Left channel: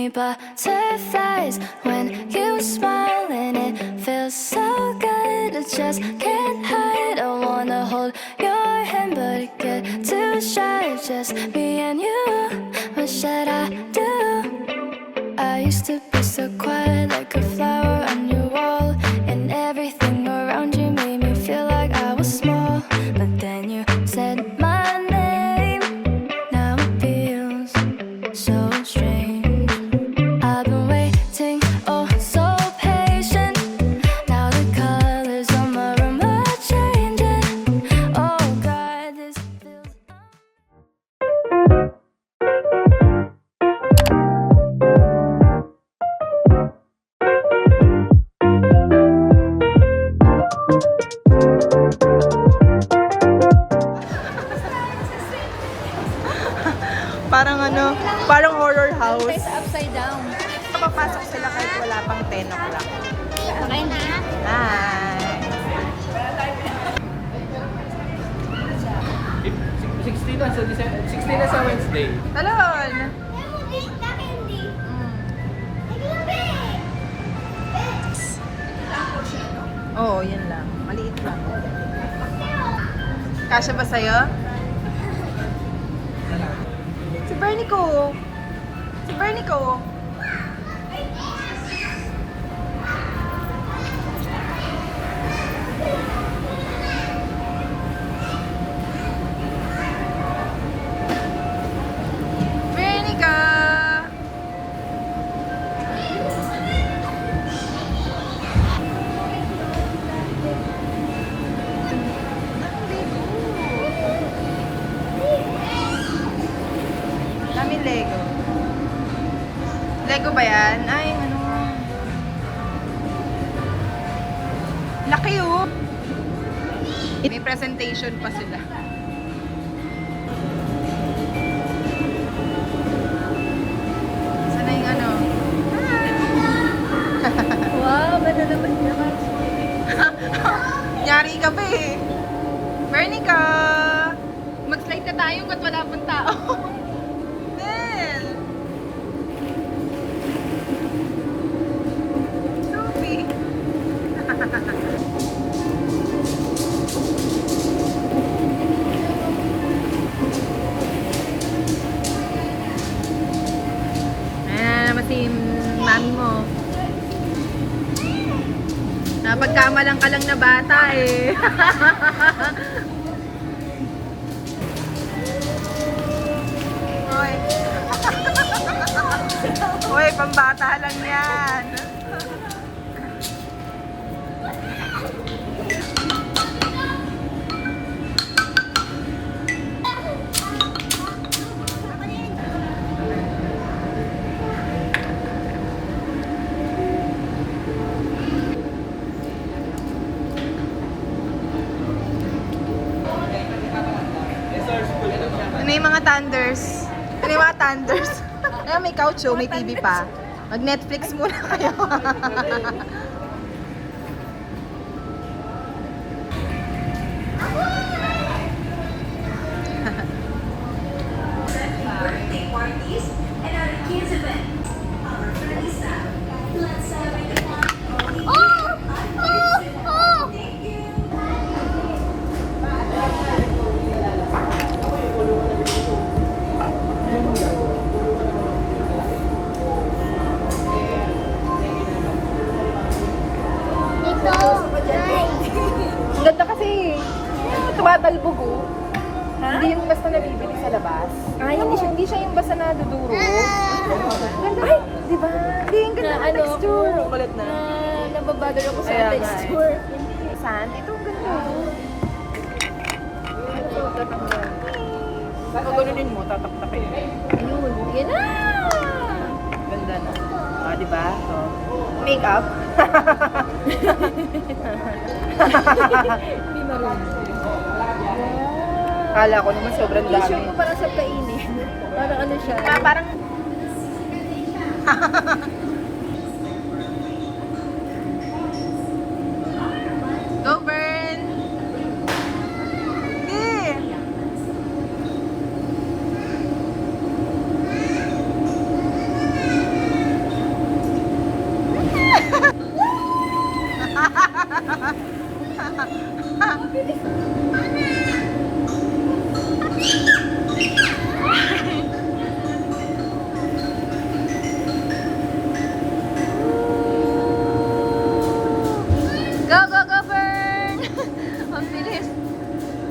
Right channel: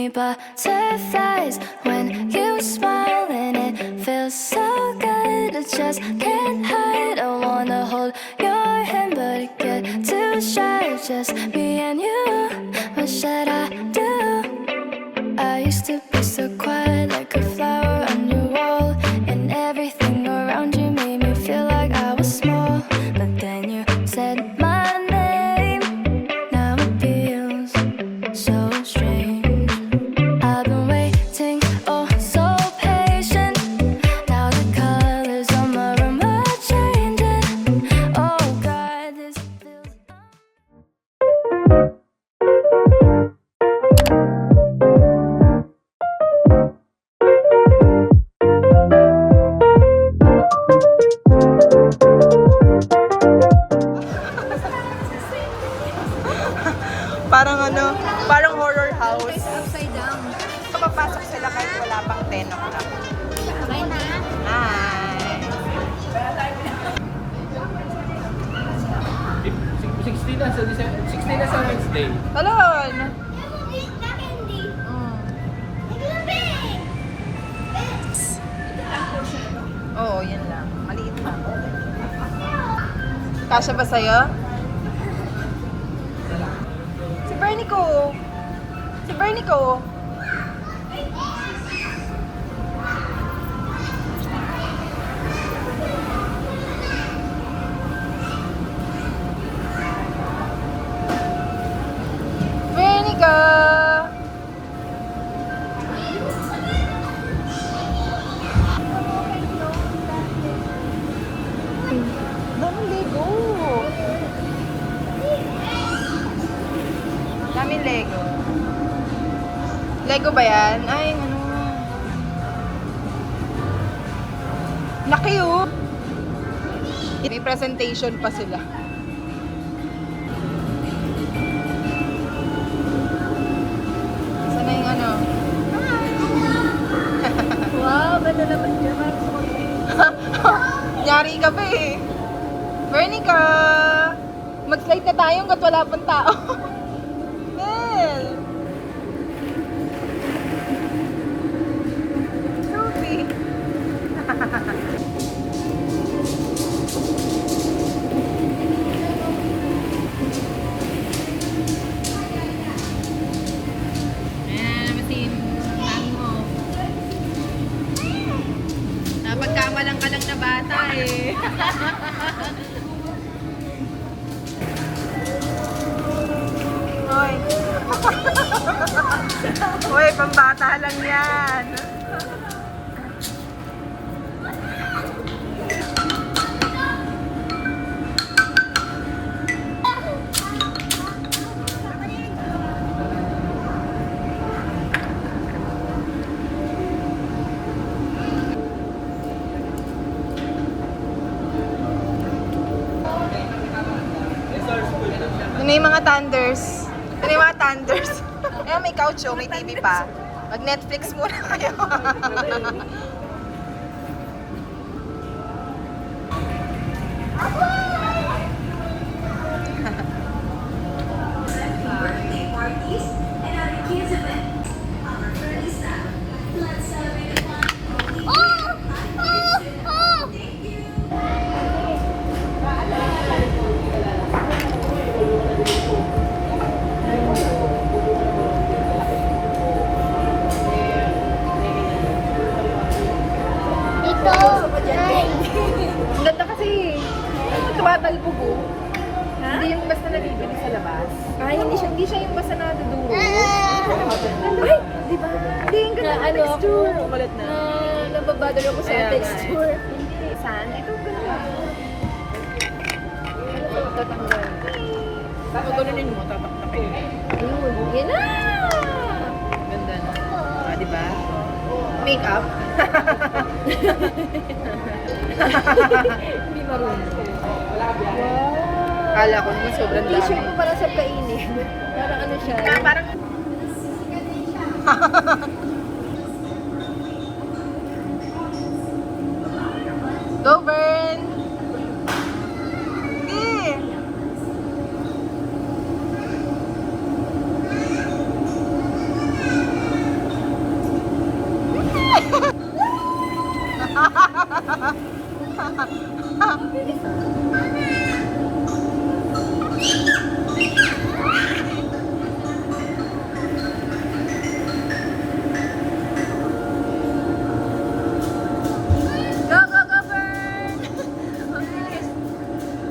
me butterflies when you smile, and it feels so good. I just can't hide. I wanna hold your hand, but it get too shy. Just me and you. What should I do? I used to be so quiet, like a flower on your wall, and everything around you made me feel like I was small. But then you said my name. Now it feels so strange. I've been waiting, oh so patient. Now the colors on my room are changing. Oh God, this feels Parang ano, parang horror house. Upside down. Papasok sila kahit wala pang 10 o'clock. Okay na. Hi! 16 na sa Wednesday. Talon! Oo, yan lang. Maliit lang. Kasya ba sa'yo? Si Bernie ko. Si Bernie ko. Bernie ka. Daming Lego. Daming Lego. Lego ba yan? Ay, ano. Laki oh. May presentation pa sila. Sana yung ano? Wow, ganda naman naman. Yari ka ba eh. Bernie ka. Mag-slide na tayo hanggat wala pang tao. Nel. Sophie. Ayan naman si mami mo. Napagkamalang ka lang na bata eh. Hoy. Hoy, pambata lang yan. Ano yung mga thunders? Ano yung mga thunders? Ayan, may couch oh, may TV pa. Mag-Netflix muna kayo. Ito. Hi. Ang ganda kasi. Tumatalbog oh. Hindi yung basta nabibili sa labas. Ay, hindi siya yung basta naduduro. Ay, di ba? Hindi yung Na ganyan ano ako, Malat na. nababother ako sa texture. Saan? Ito ganda. Ano to, tatanggal? Pag ganunin mo, tataktakin. Ayun, yan na! Ganda na. Ah, di ba? Make-up? Hindi marunong. Wow! Kala ko naman sobrang dami. T-shirt ko parang sa kainin. Parang ano siya. Parang... Go, Bern! Sige! Go, go, go, Fern! Ang bilis.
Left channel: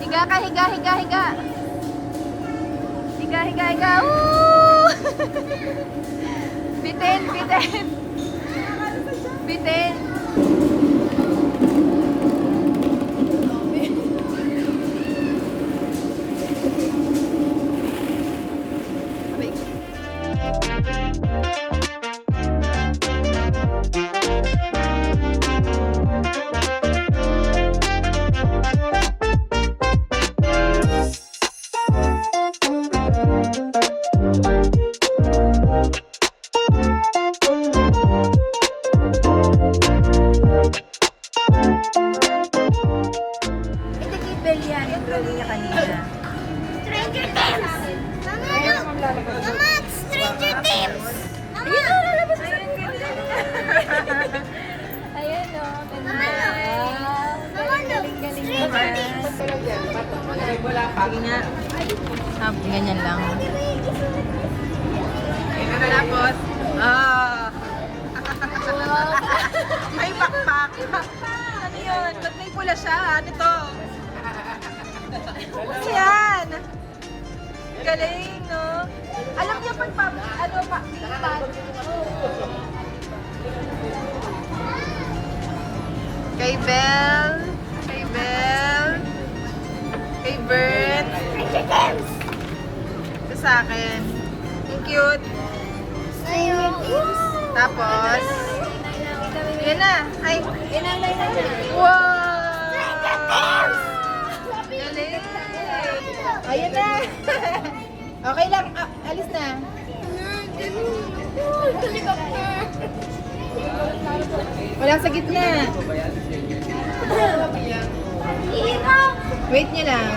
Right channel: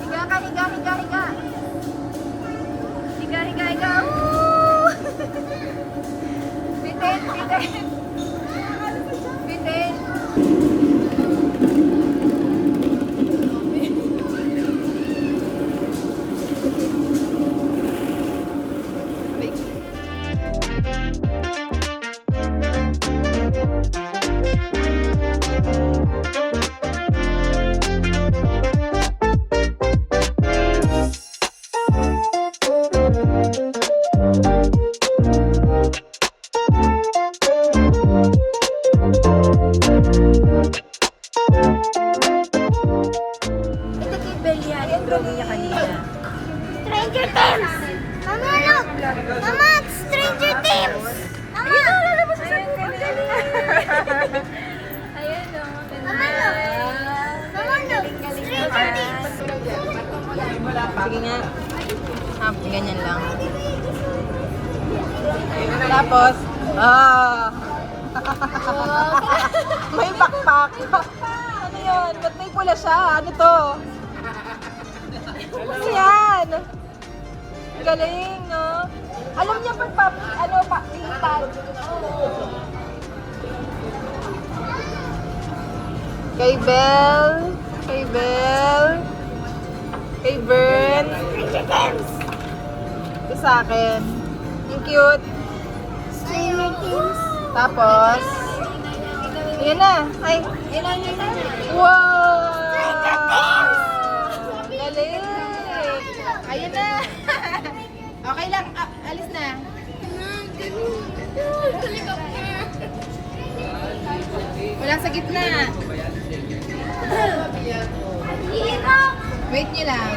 Higa ka, higa, higa, higa. Higa, higa, higa. Woo! Bitin, bitin. Bitin. Stranger Things! Mama, look! Mama, it's Stranger Things! Mama! Ayan o. Mama, look! Mama, look! Stranger Things! Sige nga. Ganyan lang. Tapos, may backpack. Ano yun? Ba't may pula siya? Ano to? Ano yan? Galing, no? Alam niya pag lipad. Kay Belle. Kay Belle. Kay Bern. Ito sa akin. Ang cute. Tapos, yun na. Ay. Wow! Galing! Ayun na! Okay lang. Alis na. Wala sa gitna. Wait nyo lang.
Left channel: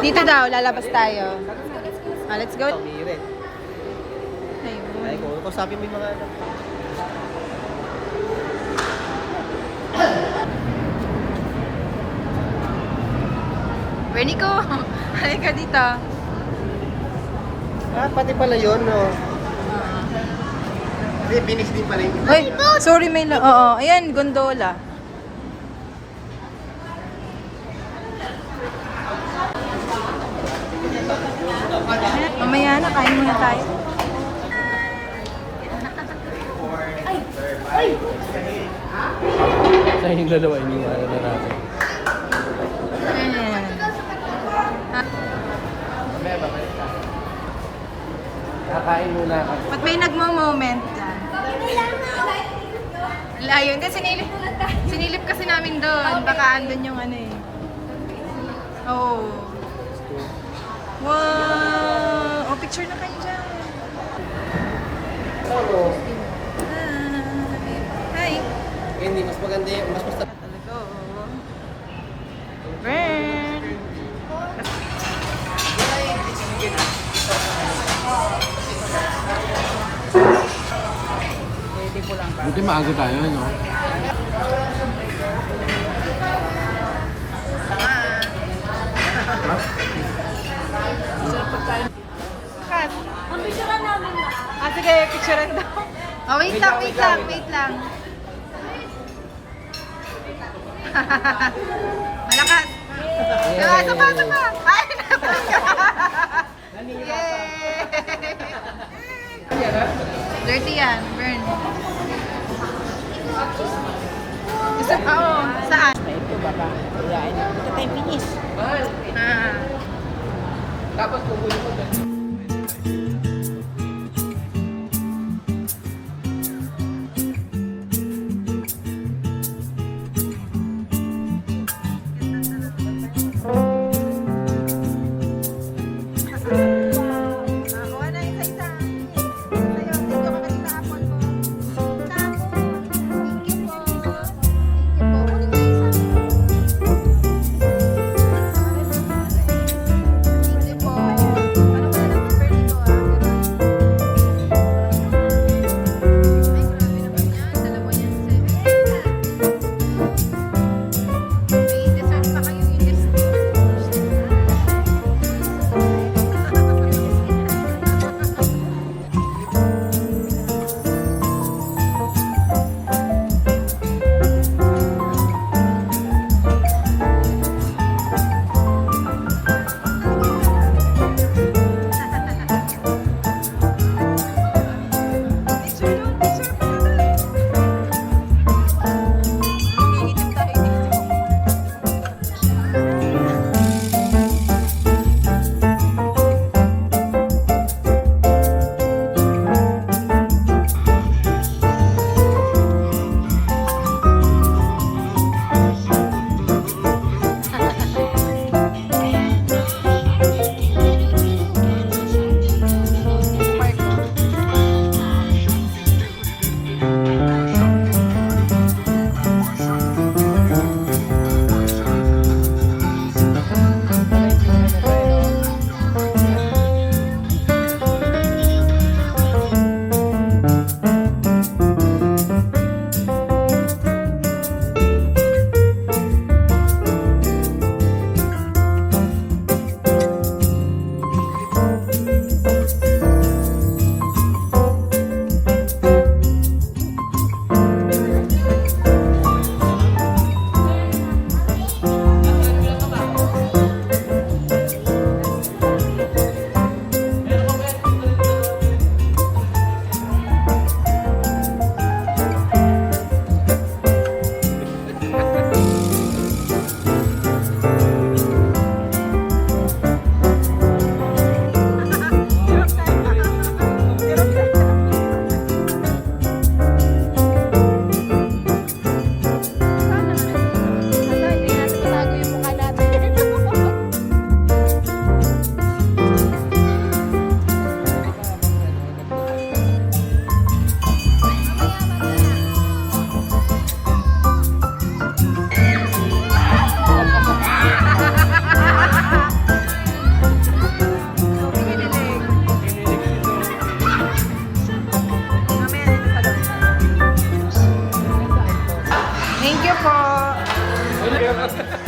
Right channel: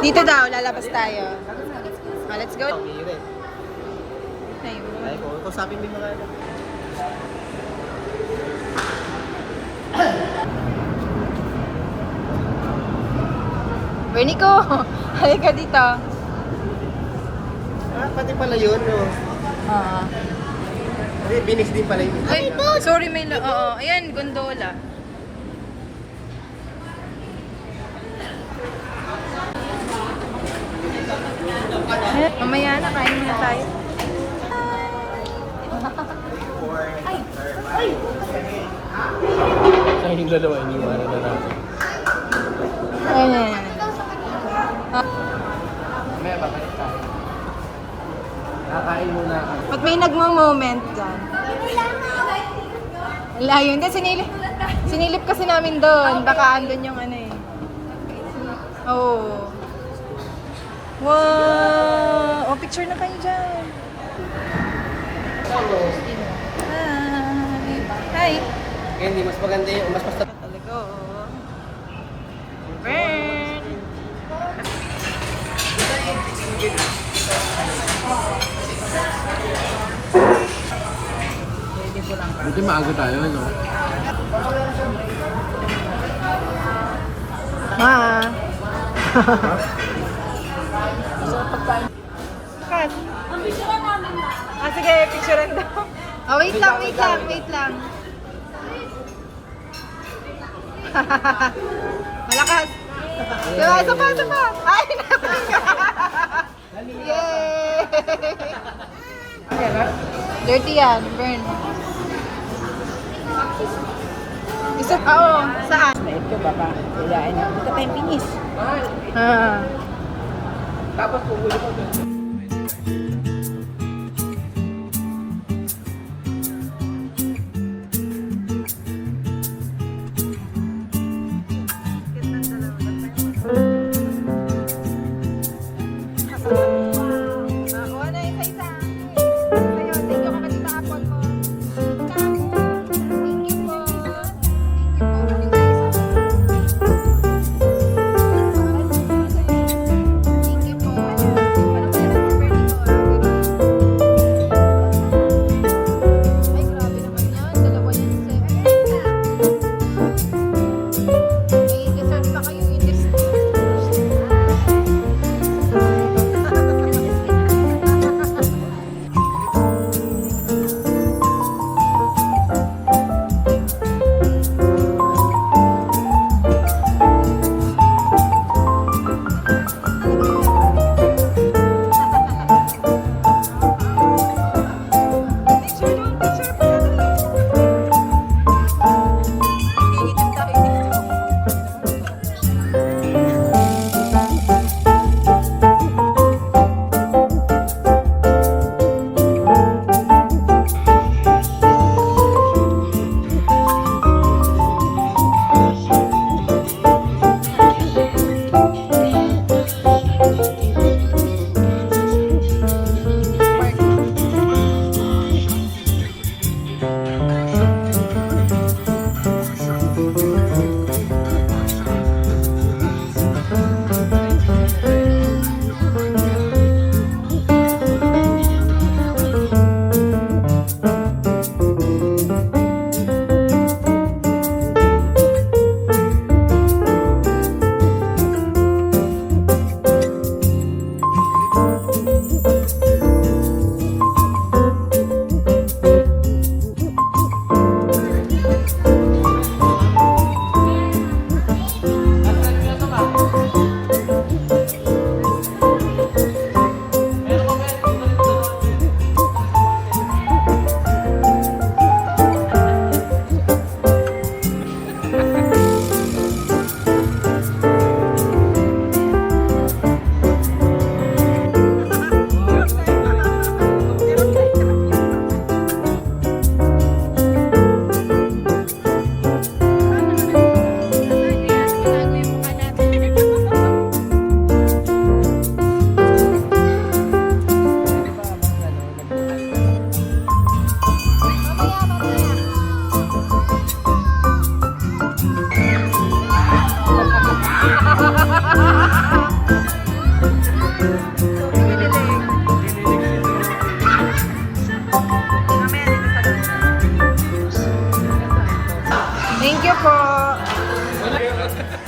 Dito daw, lalabas tayo. Let's go. Ay, kung usapin mo yung mga anak. Bernico, halika dito. Pati pala yun, no? Hindi, binis din pala yung Ay, sorry, may oo, ayan, gondola. Mamaya na, kain muna tayo. Ay, yung dalawa, yung lalaki. Ayan. Mamaya, babalik tayo. Kakain muna ako. Ba't may nagmo-moment dyan? Layo. Hindi, sinilip kasi namin doon. Baka andun yung ano eh. Oh. Wow! Oh, picture na kayo dyan. Hi! Hi! Kaya hindi mas maganda yung mas basta. Talaga, oh. Burn! Buti maaga tayo, no? Ma! Kat! Sige, picturean daw. Oh, wait lang. Malakas! Diba, isa pa! Ay, naman ka! Yay! Dirty yan, burn. Isa pa, oh. Saan? Ah.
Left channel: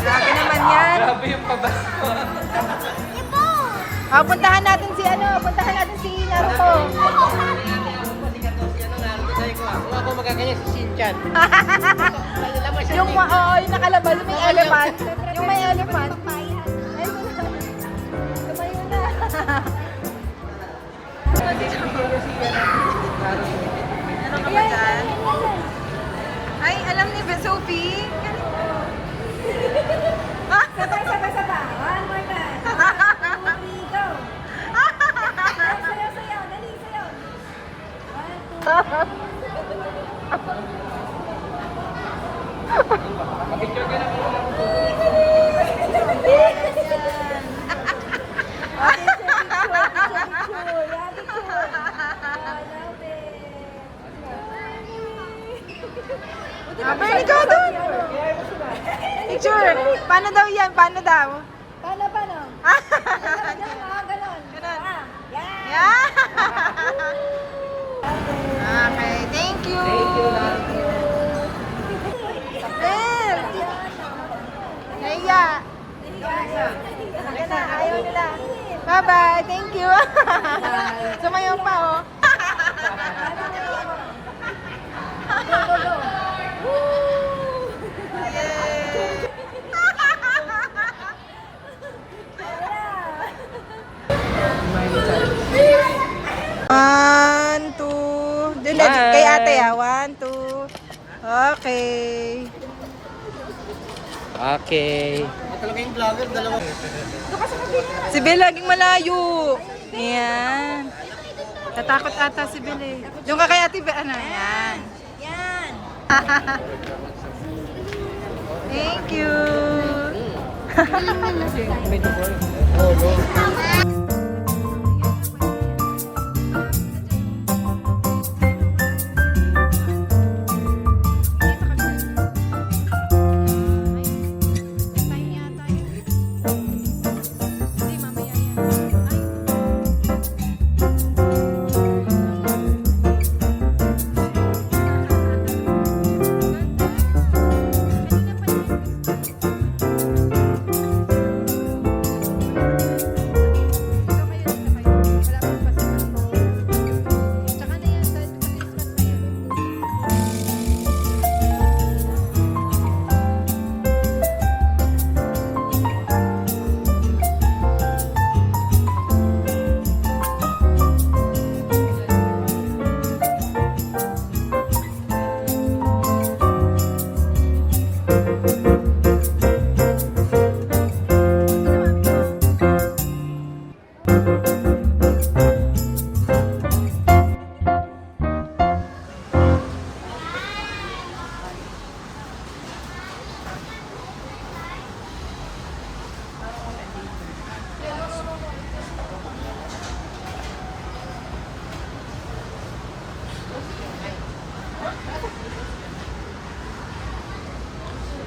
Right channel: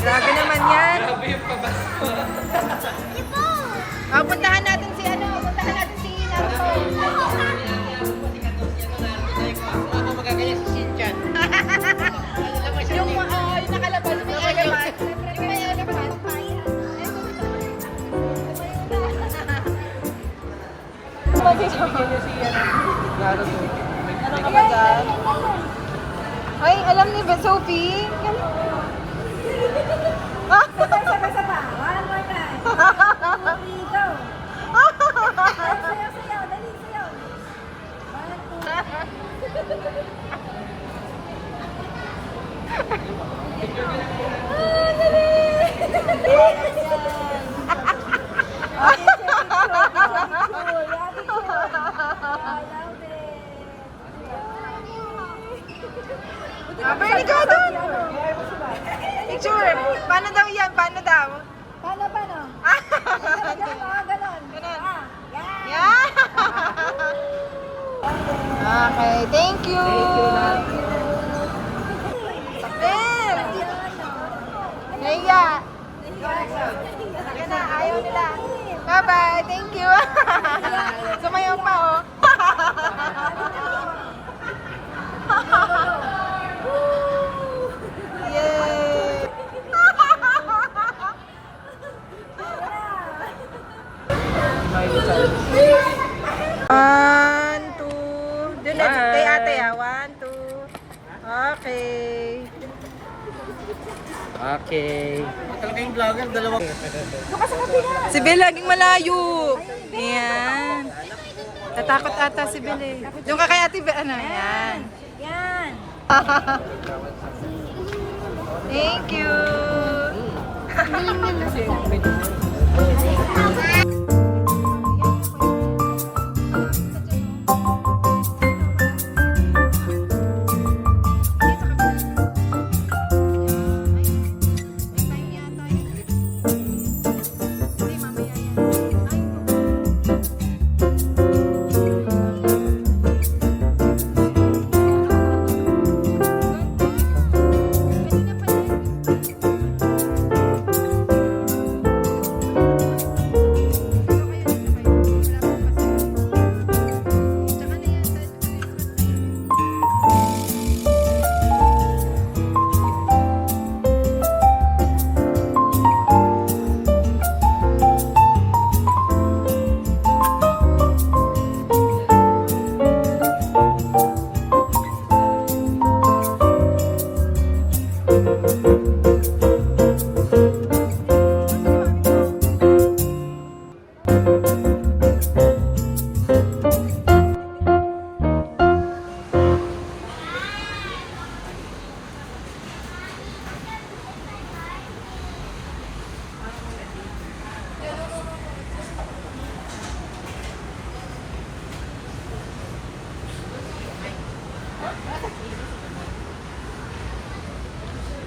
Grabe naman yan. Grabe yung pabasko. Puntahan natin si puntahan natin si Naruto. Ako magaganyan si Shinchan. Yung nakalabas, yung may elephant. Yung may elephant. Ano ka ba dyan? Ay, alam ni Sophie. Sabay-sabay. One more time. 2, 3, go. Sayaw. Dali, sayaw. 1, 2, 3. Bernie, go doon! Picture! Paano daw yan? Paano daw? Paano? Ganon. Ganun. Yeah! Okay, thank you! Bill! Naya! Ayaw nila. Bye-bye! Thank you! Sumayaw pa, oh! Yay! One, two. Dun, kay ate ah. 1, 2. Okay. Okay. Talaga yung vlogger, dalawa. Si Bel laging malayo. Yan. Tatakot ata si Bel eh. Doon ka kay ate Bel. Ano? Yan. Yan. Thank you.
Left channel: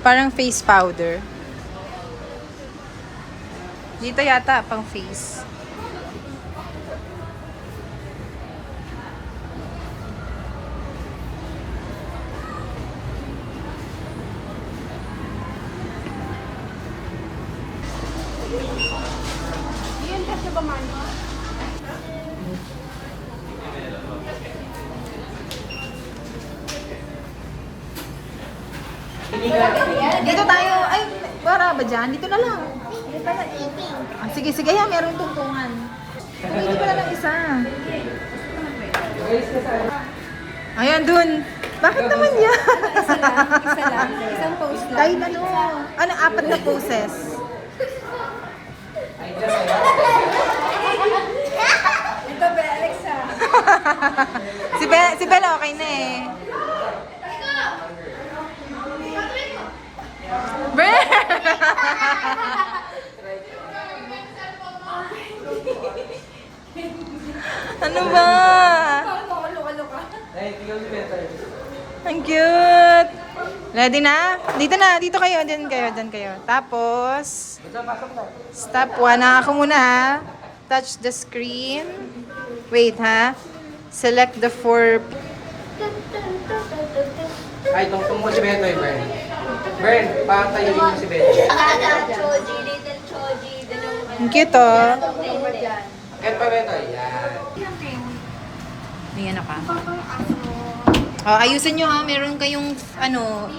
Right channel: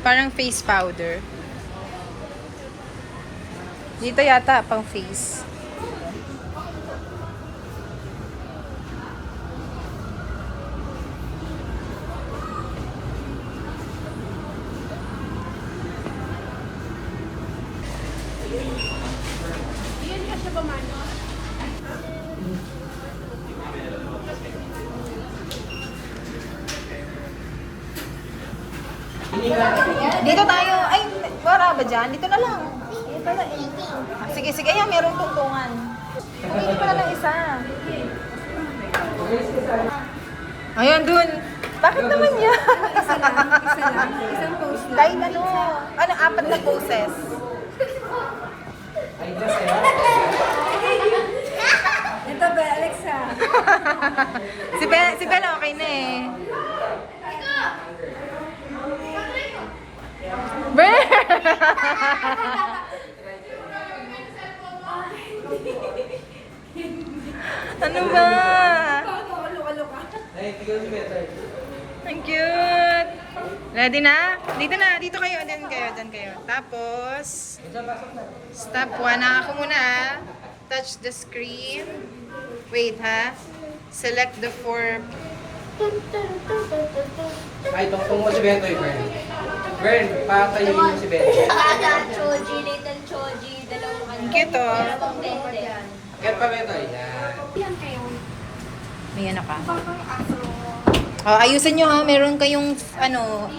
Parang face powder. Dito yata pang face. Dito tayo. Ay, para ba dyan? Dito na lang. Sige, sige. Yan, merong tungtungan. Dito ka na ng isa. Ayan, dun. Bakit naman yan? Isa lang. Isang post lang. Ay, ano, 4 na poses. Ito, Bex, ha? Si Bella okay na eh. Ber! Ano ba? Ang cute! Ready na? Dito na, dito kayo, din kayo. Tapos, step 1 na ako muna ha. Touch the screen. Wait ha. Select the 4. Ay, tungtong mo si Bento, Bern. Bern, patayuin mo si Bento. Choji, little Choji, dalawang Ang cute, oh. flavor dyan. Kahit pa Bento, yan. May ano ka? Oh, ayusin nyo ha. Meron kayong, ano,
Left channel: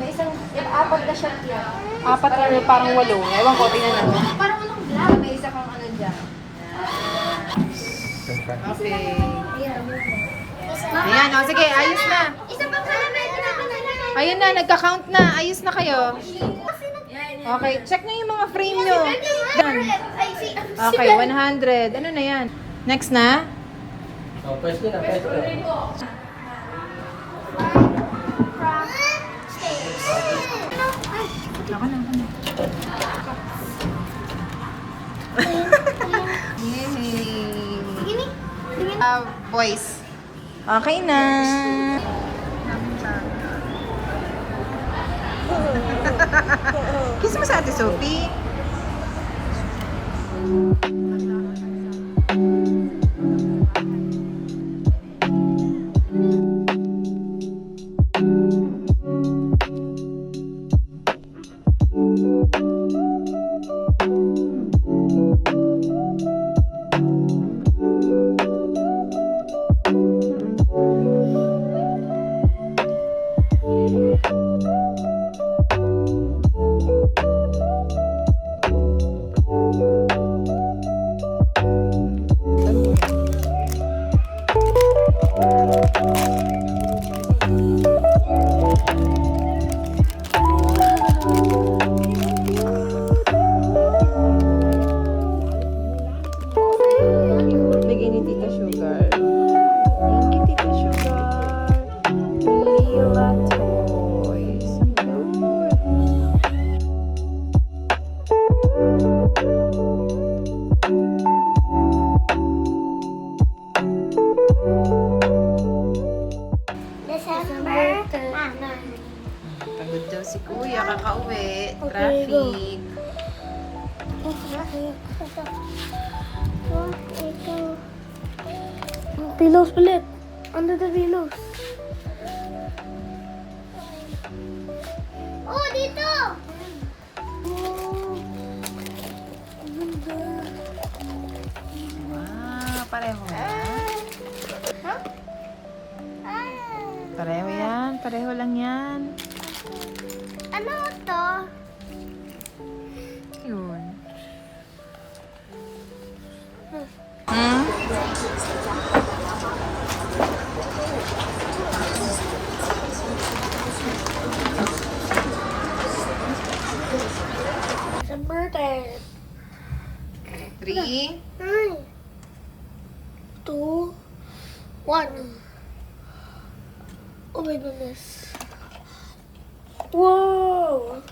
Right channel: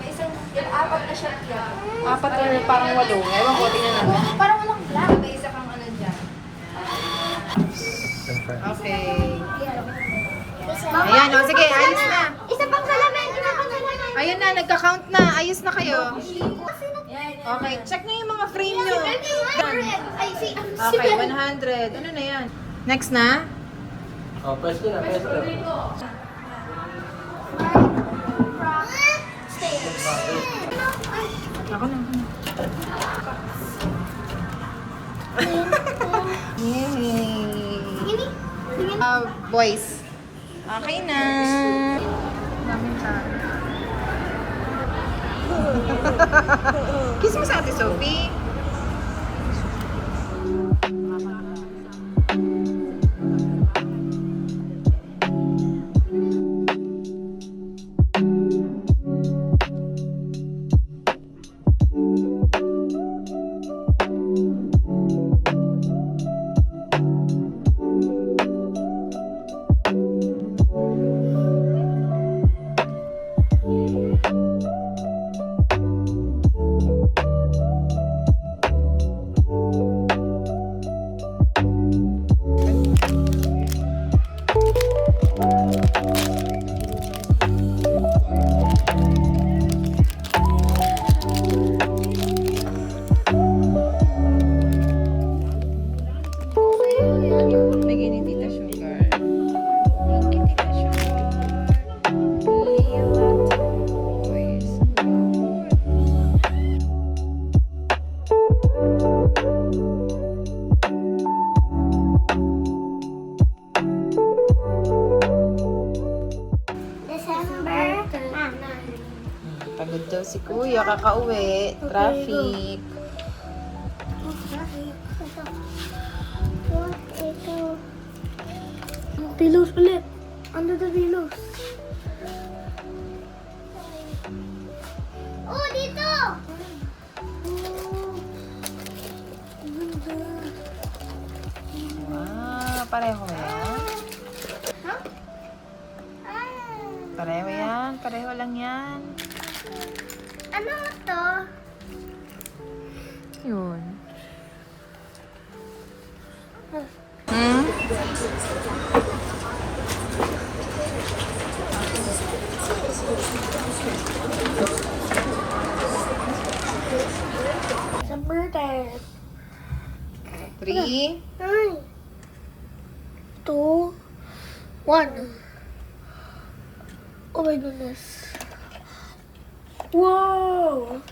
May isang, apat na shot yan. apat or parang 8. Ewan ko, tingnan namin. Parang walang black. May isa kang ano dyan. Okay. Ayan, oh, sige, ayos na. Isa pang caramel na pa na. Ayun na, nagka-count na. Ayos na kayo. Okay, check na yung mga frame nyo. Ay, si Okay, 100. Ano na yan? Next na? Oh, press ko na, press ko na. Ako na, ako na. Yay! Boys. Okay na. Kiss mo sa Ate Sophie. Bigay ni Tita Sugar. Thank you, Tita Sugar. Lila toys. December. Pagod daw si Kuya, kakauwi. Traffic. Pillows ulit. Under the pillows. Oh, dito! Oh. Ganda. Ah, pareho yan. Huh? Pareho yan. Pareho lang yan. Ano to? Yun. Hmm? December 10. 3. 2, 1. Oh my goodness. Wow!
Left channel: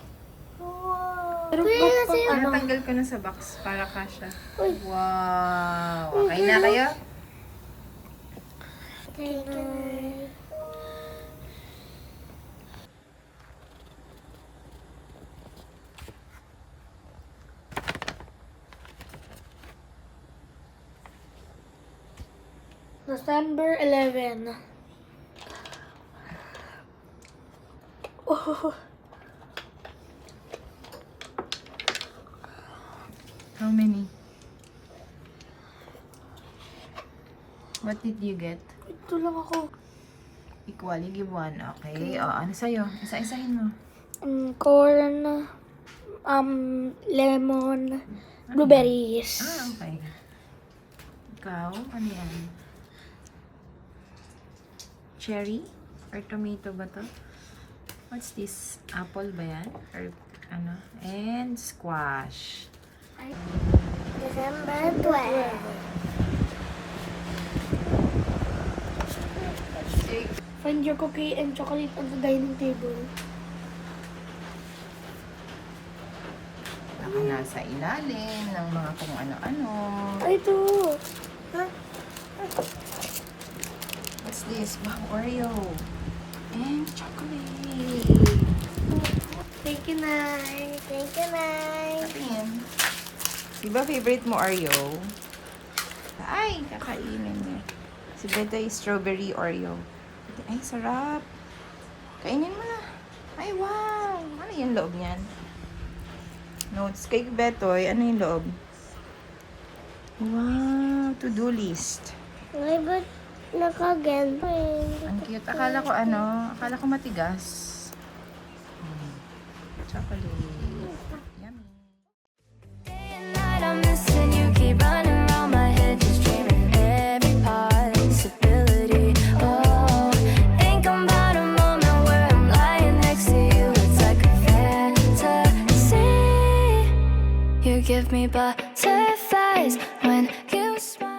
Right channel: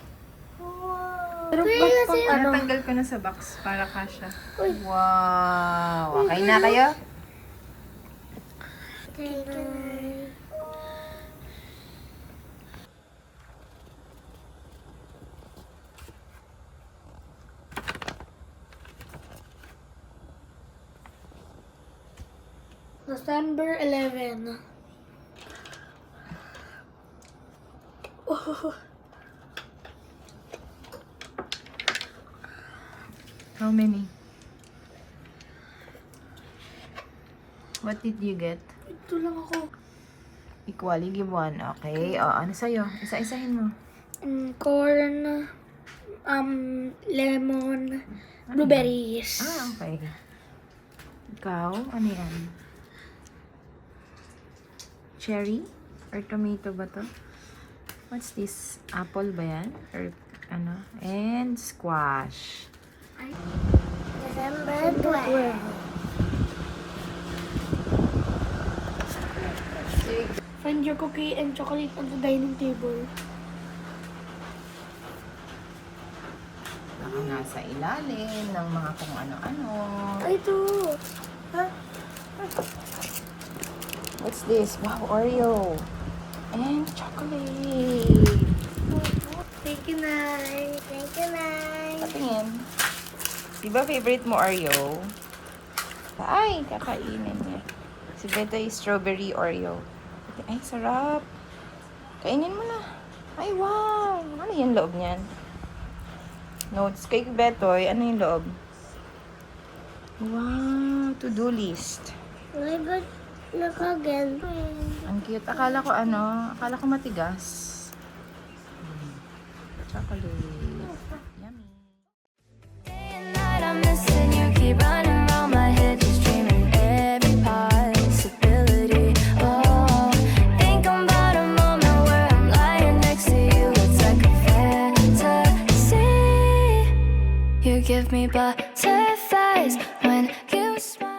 Pero Natanggal ko na sa box para kasha. Uy. Wow! Okay na kayo? Thank you. December 11. Oh. How many? What did you get? Ito lang ako. Equally, give one. Okay. O, ano sa'yo? Isa-isahin mo. Corn, lemon, blueberries. Ah, okay. Ikaw, ano yan? Cherry? Or tomato ba to? What's this? Apple ba yan? Or ano? And squash. December 12. Find your cookie and chocolate on the dining table. Baka nasa ilalim ng mga kung ano-ano. Ay, ito. Ha? What's this? Wow, Oreo. And chocolate. Thank you, Nay. Thank you, Nay. Patingin. Di ba favorite mo Oreo? Ay, kakainin niya. Si Beto yung strawberry Oreo. Ay, sarap. Kainin mo na. Ay, wow. Ano yung loob niyan? Notes kay Betoy. Ano yung loob? Wow, to-do list. Ay, ba't nakagan? Ang cute. Akala ko matigas. Chocolate. Yummy. Day and night I'm missing you, keep running round my head, just dreaming every possibility. Oh, think about a moment where I'm lying next to you. It's like a fantasy. You give me butterflies when you smile.